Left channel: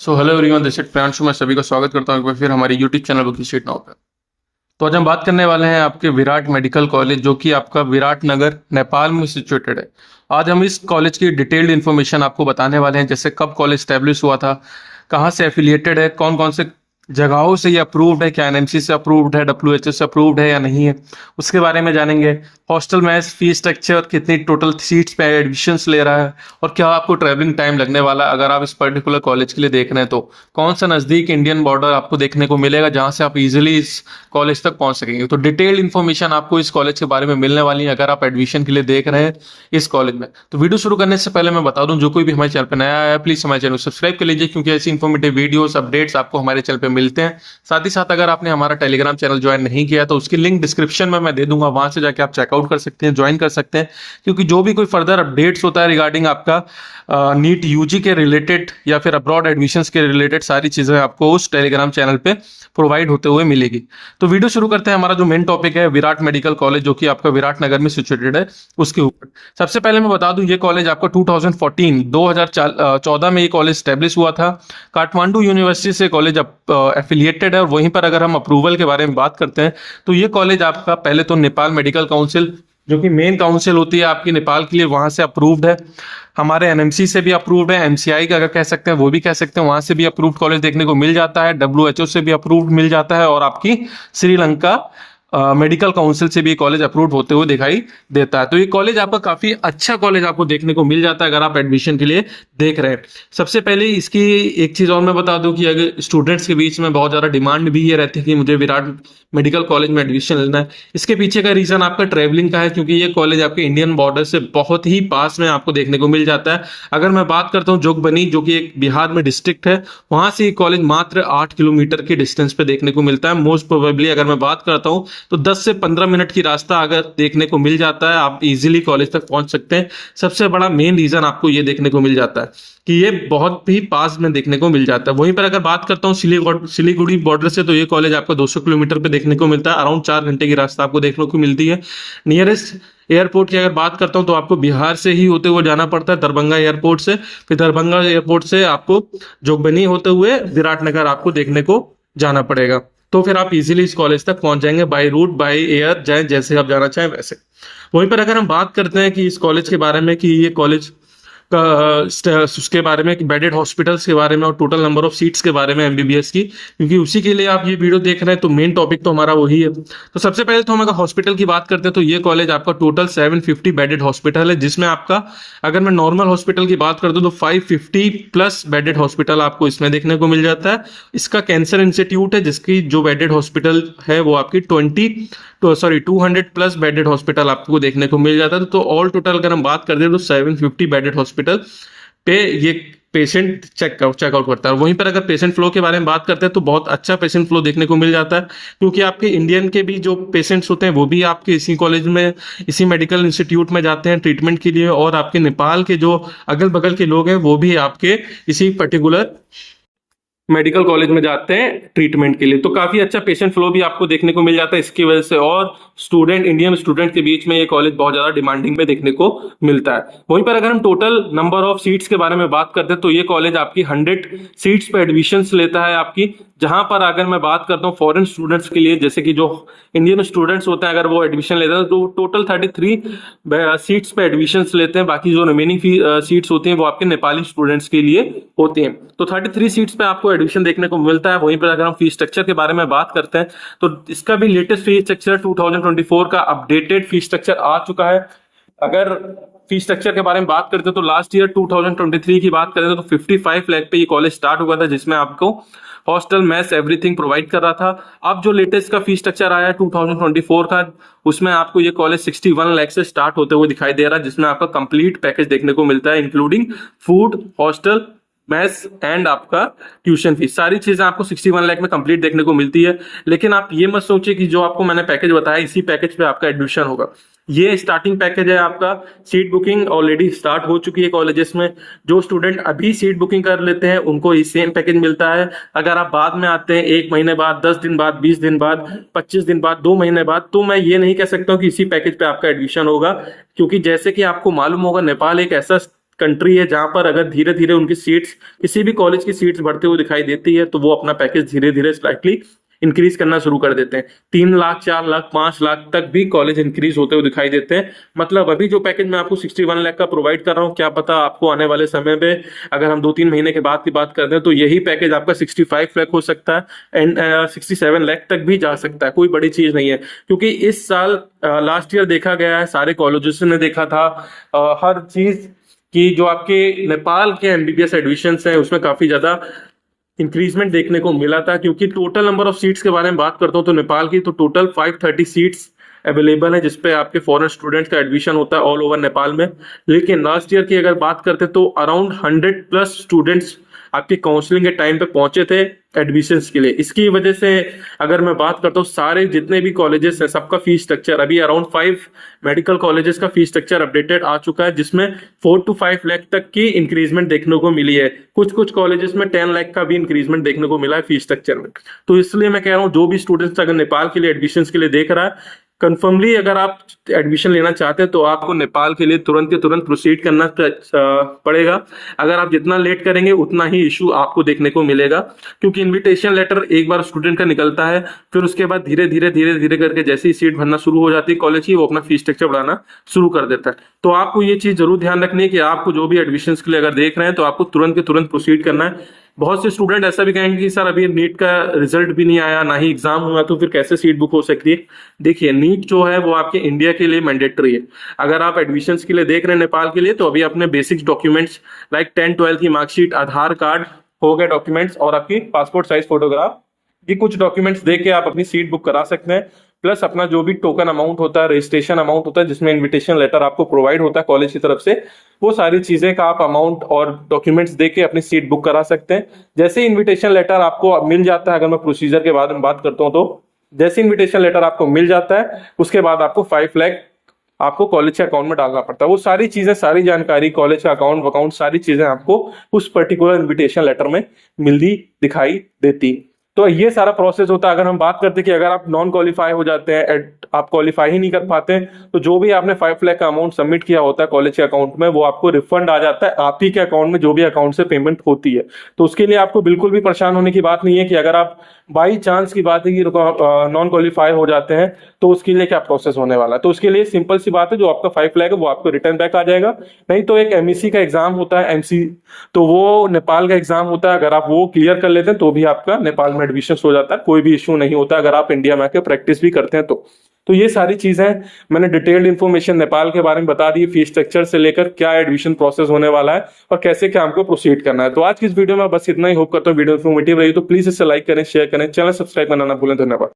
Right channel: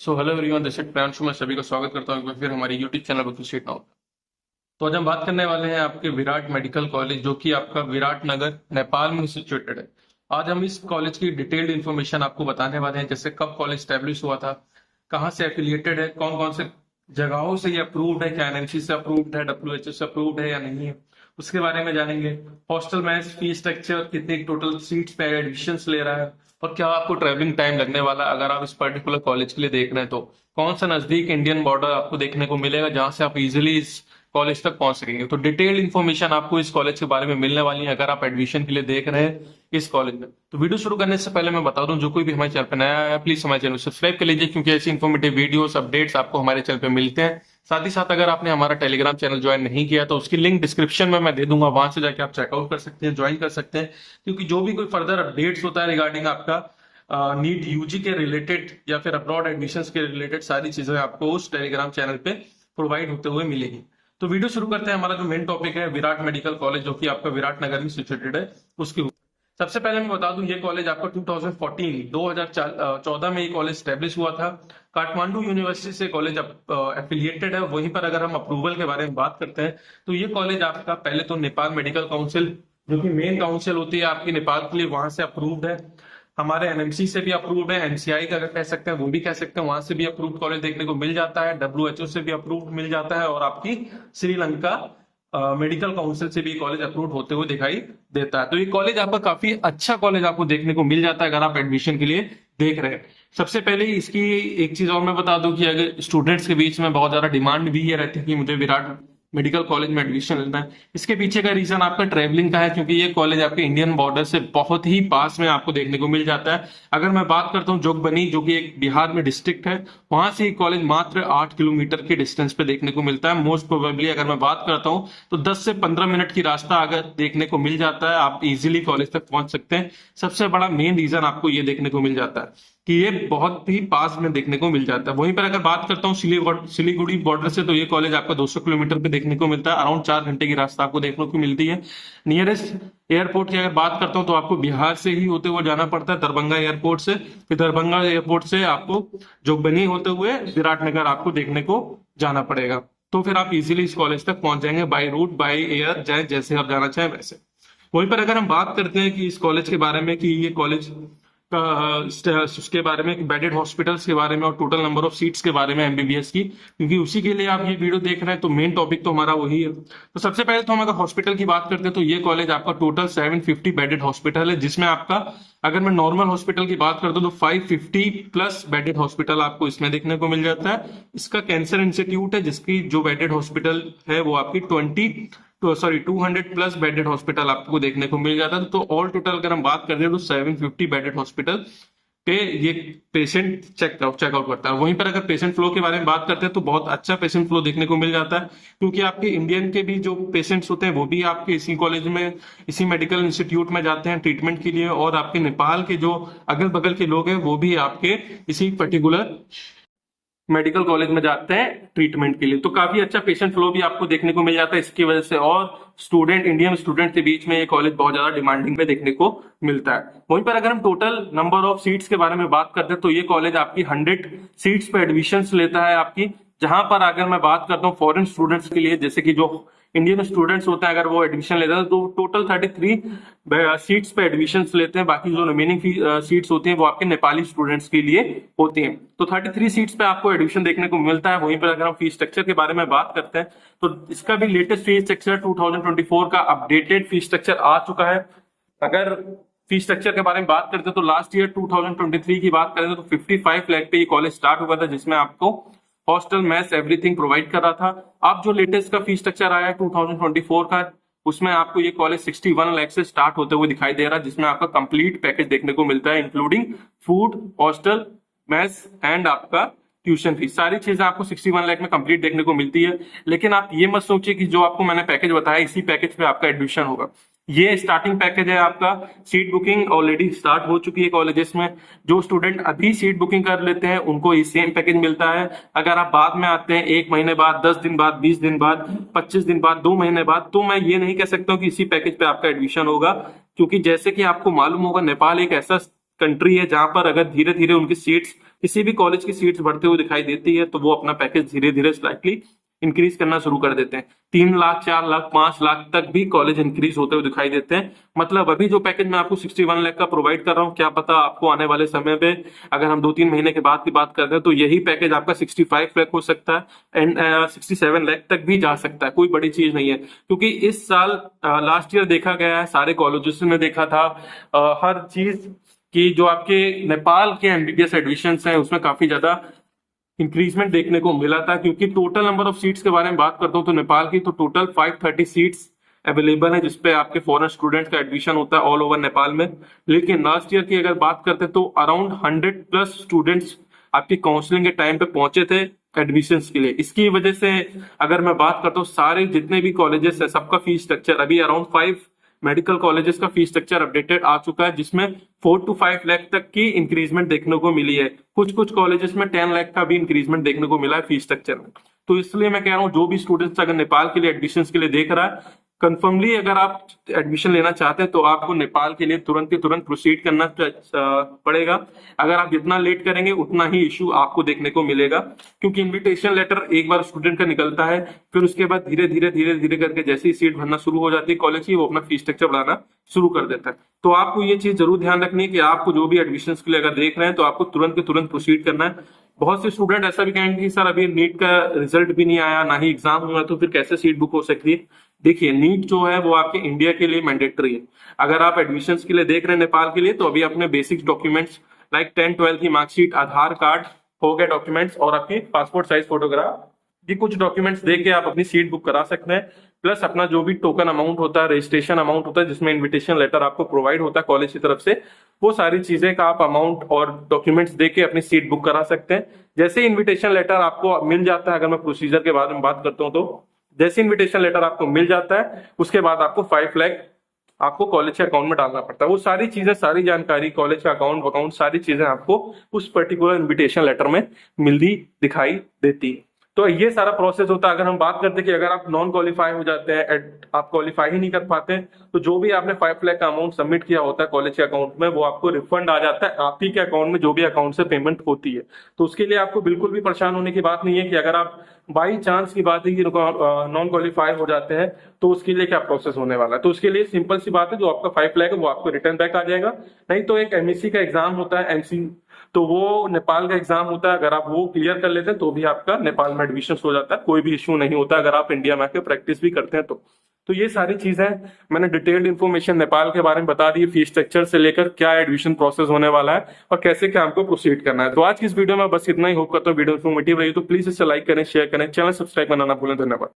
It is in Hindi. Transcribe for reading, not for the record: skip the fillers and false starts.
Hello everyone, this is Priyanshu. मैं सभी का स्वागत करता हूँ एक बार फिर हमारे YouTube channel book street now पे। तो आज हम बात करने वाले हैं आपके विराट मेडिकल कॉलेज, जो कि आपका विराट नगर नेपाल में सिचुएटेड है। आज हम इस कॉलेज की डिटेल्ड इन्फॉर्मेशन आपको बताने वाले हैं, जैसे कब कॉलेज स्टैब्लिश हुआ था, कहाँ से एफिलिएटेड है, कौन कौन से जगहों से ये अप्रूव्ड है, क्या एनएमसी से अप्रूव्ड है, डब्ल्यूएचओ से अप्रूव्ड है या नहीं है, उसके बारे में जानेंगे। हॉस्टल मैथ्स, फीस स्ट्रक्चर, कितनी टोटल सीट्स पे एडमिशन्स ले रहा है, और क्या आपको ट्रैवलिंग टाइम लगने वाला है अगर आप इस पर्टिकुलर कॉलेज के लिए देख रहे हैं तो। कौन सा नज़दीक इंडियन बॉर्डर आपको देखने को मिलेगा जहां से आप इजीली इस कॉलेज तक पहुंच सकेंगे। तो डिटेल्ड इन्फॉर्मेशन आपको इस कॉलेज के बारे में मिलने वाली है अगर आप एडमिशन के लिए देख रहे हैं इस कॉलेज में। तो वीडियो शुरू करने से पहले मैं बता दूं, जो कोई भी हमारे चैनल पर नया आया है प्लीज हमारे चैनल को सब्सक्राइब कर लीजिए, क्योंकि ऐसी इन्फॉर्मेटिव वीडियोस अपडेट्स आपको हमारे चैनल पे मिलते हैं। साथ ही साथ अगर आपने हमारा टेलीग्राम चैनल ज्वाइन नहीं किया तो उसकी लिंक डिस्क्रिप्शन में मैं दे दूंगा, वहां से जाके आप चेकआउट कर सकते हैं, ज्वाइन कर सकते हैं। क्योंकि जो भी कोई फर्दर अपडेट्स होता है रिगार्डिंग आपका नीट यूजी के रिलेटेड या फिर अब्रॉड एडमिशंस के रिलेटेड, सारी चीजें आपको उस टेलीग्राम चैनल पे प्रोवाइड होते हुए मिलेगी। तो वीडियो शुरू करते हैं। हमारा जो मेन टॉपिक है विराट मेडिकल कॉलेज, जो कि आपका विराट नगर में सिचुएटेड है, उसके ऊपर। सबसे पहले मैं बता दूं, ये कॉलेज आपका 2014 में ये कॉलेज स्टैब्लिश हुआ था। काठमांडू यूनिवर्सिटी से कॉलेज एफिलिएटेड है। और वहीं पर अगर हम अप्रूवल के बारे में बात करते हैं तो ये कॉलेज आपका पहले तो नेपाल मेडिकल काउंसिल, जो कि मेन काउंसिल होती है आपकी नेपाल के लिए, वहां से अप्रूव्ड है। हमारे एनएमसी से भी अप्रूव्ड है, एमसीआई का अगर कह सकते हैं वो भी कह सकते हैं, वहां से भी अप्रूव्ड कॉलेज देखने को मिल जाता है, डब्ल्यूएचओ से भी अप्रूव्ड मिल जाता है, और आपकी श्रीलंका मेडिकल काउंसिल से भी कॉलेज अप्रूव्ड होते हुए दिखाई देता है। तो ये कॉलेज आपका काफी अच्छा कॉलेज आपको देखने को मिल जाता है अगर आप एडमिशन के लिए देख रहे हैं। सबसे पहले इसकी एक चीज और मैं बता दूं कि अगर स्टूडेंट्स के बीच में बहुत ज्यादा डिमांड भी ये रहती है कि मुझे विराट मेडिकल कॉलेज में एडमिशन लेना है। इसके पीछे का रीजन आपका ट्रेवलिंग का है, क्योंकि ये कॉलेज आपके इंडियन बॉर्डर से बहुत ही पास में आपको देखने को मिल जाता है। अगर मैं बात करता हूँ जोगबनी, जो कि एक बिहार में डिस्ट्रिक्ट है, वहां से ये कॉलेज मात्र 8 किलोमीटर की डिस्टेंस पे देखने को मिलता है। मोस्ट प्रोबेबली अगर मैं बात करता हूँ तो 10 से 15 मिनट की रास्ता अगर देखने को मिल जाता है, आप इजीली कॉलेज तक पहुंच सकते हैं। सबसे बड़ा मेन रीजन आपको ये देखने को मिल जाता है कि ये बहुत ही पास में देखने को मिल जाता है। वहीं पर अगर बात करता हूँ सिलीगुड़ी बॉर्डर से, तो ये कॉलेज आपका 200 किलोमीटर पे देखने को मिलता है। अराउंड 4 घंटे की रास्ता आपको देखने को मिलती है। नियरेस्ट एयरपोर्ट की अगर बात करता हूँ तो आपको बिहार से ही होते हुए जाना पड़ता है, दरभंगा एयरपोर्ट से। फिर दरभंगा एयरपोर्ट से आपको जोगबनी होते हुए विराटनगर आपको देखने को जाना पड़ेगा। तो फिर आप इजीली इस कॉलेज तक पहुंच जाएंगे, बाय रूट बाय एयर, चाहे जैसे आप जाना चाहें वैसे। वहीं पर अगर हम बात करते हैं कि इस कॉलेज के बारे में, कि ये कॉलेज का उसके बारे में, बेडेड हॉस्पिटल्स के बारे में और टोटल नंबर ऑफ सीट्स के बारे में एमबीबीएस की, क्योंकि उसी के लिए आप ये वीडियो देख रहे हैं, तो मेन टॉपिक तो हमारा वही है। तो सबसे पहले तो हम अगर हॉस्पिटल की बात करते हैं तो ये कॉलेज आपका टोटल 750 बेडेड हॉस्पिटल है, जिसमें आपका, अगर मैं नॉर्मल हॉस्पिटल की बात करता हूँ तो 550 प्लस बेडेड हॉस्पिटल आपको इसमें देखने को मिल जाता है। इसका कैंसर इंस्टीट्यूट है, जिसकी जो बेडेड हॉस्पिटल है वो आपकी 200 प्लस बेडेड हॉस्पिटल आपको देखने को मिल जाता है। तो ऑल टोटल अगर हम बात करते हैं तो 750 बेडेड हॉस्पिटल पे ये पेशेंट चेकआउट करता है। वहीं पर अगर पेशेंट फ्लो के बारे में बात करते हैं तो बहुत अच्छा पेशेंट फ्लो देखने को मिल जाता है, क्योंकि आपके इंडियन के भी जो पेशेंट्स होते हैं वो भी आपके इसी कॉलेज में, इसी मेडिकल इंस्टीट्यूट में जाते हैं ट्रीटमेंट के लिए, और आपके नेपाल के जो अगल बगल के लोग हैं वो भी आपके इसी पर्टिकुलर मेडिकल कॉलेज में जाते हैं ट्रीटमेंट के लिए। तो काफी अच्छा पेशेंट फ्लो भी आपको देखने को मिल जाता है इसकी वजह से, और इंडियन स्टूडेंट के बीच में ये कॉलेज बहुत ज्यादा डिमांडिंग पे देखने को मिलता है। वहीं पर अगर हम टोटल नंबर ऑफ सीट्स के बारे में बात करते हैं तो ये कॉलेज आपकी 100 सीट्स पे एडमिशन लेता है आपकी। जहां पर अगर मैं बात करता हूँ फॉरेन स्टूडेंट्स के लिए, जैसे कि जो इंडियन स्टूडेंट्स होते हैं अगर वो एडमिशन लेते हैं तो टोटल 33 सीट्स पे एडमिशन लेते हैं। बाकी जो रिमेनिंग सीट्स होती हैं वो आपके नेपाली स्टूडेंट्स के लिए होती हैं। तो 33 सीट्स पे आपको एडमिशन देखने को मिलता है। वहीं पर अगर हम फीस स्ट्रक्चर के बारे में बात करते हैं तो इसका भी लेटेस्ट फीस स्ट्रक्चर 2024 का अपडेटेड फीस स्ट्रक्चर आ चुका है। अगर फीस स्ट्रक्चर के बारे में बात करते हैं तो लास्ट ईयर 2023 की बात करें तो 55 लाख पे ये कॉलेज स्टार्ट हुआ था, जिसमें आपको हॉस्टल मैथ्स एवरीथिंग प्रोवाइड कर रहा था। अब जो लेटेस्ट का फीस स्ट्रक्चर आया है 2024 का, उसमें आपको ये कॉलेज 61 लाख से स्टार्ट होते हुए दिखाई दे रहा है, जिसमें आपका कंप्लीट पैकेज देखने को मिलता है, including food, hostel, maths and आपका ट्यूशन फीस। सारी चीजें आपको 61 लाख में कंप्लीट देखने को मिलती है। लेकिन आप ये मत सोचिए कि जो आपको मैंने पैकेज बताया इसी पैकेज पे आपका एडमिशन होगा। ये स्टार्टिंग पैकेज है आपका। सीट बुकिंग ऑलरेडी स्टार्ट हो चुकी है कॉलेजेस में। जो स्टूडेंट अभी सीट बुकिंग कर लेते हैं उनको ये सेम पैकेज मिलता है। अगर आप बाद में आते हैं 1 महीने बाद, 10 दिन बाद, 20 दिन बाद, 25 दिन बाद, 2 महीने बाद, तो मैं ये नहीं कह सकता हूँ कि इसी पैकेज पे आपका एडमिशन होगा, क्योंकि जैसे कि आपको मालूम होगा नेपाल एक ऐसा कंट्री है जहां पर अगर धीरे धीरे उनकी सीट्स, किसी भी कॉलेज की सीट्स बढ़ते हुए दिखाई देती है तो वो अपना पैकेज धीरे धीरे स्लाइटली इंक्रीज करना शुरू कर देते हैं। 3 लाख, 4 लाख, 5 लाख तक भी कॉलेज इंक्रीज होते हुए दिखाई देते हैं। मतलब अभी जो पैकेज मैं आपको 61 लाख का प्रोवाइड कर रहा हूँ, क्या पता आपको आने वाले समय में, अगर हम 2-3 महीने के बाद की बात करते हैं, तो यही पैकेज आपका 65 लाख हो सकता है एंड 67 लाख तक भी जा सकता है। कोई बड़ी चीज नहीं है, क्योंकि इस साल लास्ट ईयर देखा गया है, सारे कॉलेजेस ने देखा था हर चीज कि जो आपके नेपाल के एमबीबीएस एडमिशंस हैं उसमें काफी ज्यादा इंक्रीजमेंट देखने को मिला था। क्योंकि टोटल नंबर ऑफ सीट्स के बारे में बात करता हूँ तो नेपाल की तो टोटल 530 सीट्स अवेलेबल है जिसपे आपके फॉरेन स्टूडेंट्स का एडमिशन होता है ऑल ओवर नेपाल में। लेकिन लास्ट ईयर की अगर बात करते तो अराउंड 100+ स्टूडेंट्स आपकी काउंसलिंग के टाइम पे पहुंचे थे एडमिशंस के लिए। इसकी वजह से अगर मैं बात करता हूँ सारे जितने भी कॉलेजेस है सबका फीस स्ट्रक्चर, अभी अराउंड 5 मेडिकल कॉलेजेस का फीस स्ट्रक्चर अपडेटेड आ चुका है जिसमें 4 to 5 लाख तक की इंक्रीजमेंट देखने को मिली है। कुछ कुछ कॉलेजेस में 10 लाख का भी इंक्रीजमेंट देखने को मिला है फीस स्ट्रक्चर में। तो इसलिए मैं कह रहा हूँ जो भी स्टूडेंट्स अगर नेपाल के लिए एडमिशंस के लिए देख रहा है, कंफर्मली अगर आप एडमिशन लेना चाहते हैं तो आपको नेपाल के लिए तुरंत के तुरंत प्रोसीड करना पड़ेगा। अगर आप जितना लेट करेंगे उतना ही इशू आपको देखने को मिलेगा, क्योंकि इनविटेशन लेटर एक बार स्टूडेंट का निकलता है, फिर उसके बाद धीरे धीरे करके जैसे ही सीट भरना शुरू हो जाती है कॉलेज की, वो अपना फीस स्ट्रक्चर बढ़ाना शुरू कर देता है। तो आपको ये चीज जरूर ध्यान रखनी है कि आपको जो भी एडमिशन के लिए अगर देख रहे हैं तो आपको तुरंत के तुरंत प्रोसीड करना है। बहुत से स्टूडेंट ऐसा भी कहेंगे कि सर अभी नीट का रिजल्ट भी नहीं आया, ना ही एग्जाम हुआ, तो फिर कैसे सीट बुक हो सकती है। देखिए नीट जो है वो आपके इंडिया के लिए मैंडेटरी है। अगर आप एडमिशंस के लिए देख रहे हैं नेपाल के लिए तो अभी अपने बेसिक्स डॉक्यूमेंट्स लाइक 10-12 की मार्कशीट, आधार कार्ड हो गए डॉक्यूमेंट्स, और आपकी पासपोर्ट साइज फोटोग्राफ, ये कुछ डॉक्यूमेंट्स दे के आप अपनी सीट बुक करा सकते हैं। प्लस अपना जो भी टोकन अमाउंट होता है, रजिस्ट्रेशन अमाउंट होता है, जिसमें इनविटेशन लेटर आपको प्रोवाइड होता है कॉलेज की तरफ से, वो सारी चीजें का आप अमाउंट और डॉक्यूमेंट्स देके अपनी सीट बुक करा सकते हैं। जैसे इनविटेशन लेटर आपको मिल जाता है, अगर मैं प्रोसीजर के बारे में बात करता हूँ तो जैसे इनविटेशन लेटर आपको मिल जाता है उसके बाद आपको 5 लाख आपको कॉलेज के अकाउंट में डालना पड़ता है। वो सारी चीजें, सारी जानकारी, कॉलेज का अकाउंट सारी चीजें आपको उस पर्टिकुलर इनविटेशन लेटर में मिलती दिखाई देती है। तो ये सारा प्रोसेस होता है। अगर हम बात करते हैं कि अगर आप नॉन क्वालिफाई हो जाते हैं, आप क्वालिफाई ही नहीं कर पाते, तो जो भी आपने 5 लाख का अमाउंट सबमिट किया होता है कॉलेज के अकाउंट में, वो आपको रिफंड आ जाता है आप ही के अकाउंट में, जो भी अकाउंट से पेमेंट होती है। तो उसके लिए आपको बिल्कुल भी परेशान होने की बात नहीं है कि अगर आप बाई चांस की बात है कि नॉन क्वालिफाई हो जाते हैं तो उसके लिए क्या प्रोसेस होने वाला है। तो उसके लिए सिंपल सी बात है, जो आपका 5 लाख है वो आपको रिटर्न बैक आ जाएगा। नहीं तो एक एमईसी का एग्जाम होता है, एमसी, तो वो नेपाल का एग्जाम होता है, अगर आप वो क्लियर कर लेते हैं तो भी आपका नेपाल में एडमिशन हो जाता है, कोई भी इश्यू नहीं होता अगर आप इंडिया में आके प्रैक्टिस भी करते हैं तो ये सारी चीजें मैंने डिटेल्ड इन्फॉर्मेशन नेपाल के बारे में बता दी, फीस स्ट्रक्चर से लेकर क्या एडमिशन प्रोसेस होने वाला है और कैसे क्या हमको प्रोसीड करना है। तो आज की इस वीडियो में बस इतना ही। होप करता हूँ वीडियो इन्फॉर्मेटिव रही, तो प्लीज इसे लाइक करें, शेयर करें, चैनल सब्सक्राइब करना ना भूलें। धन्यवाद।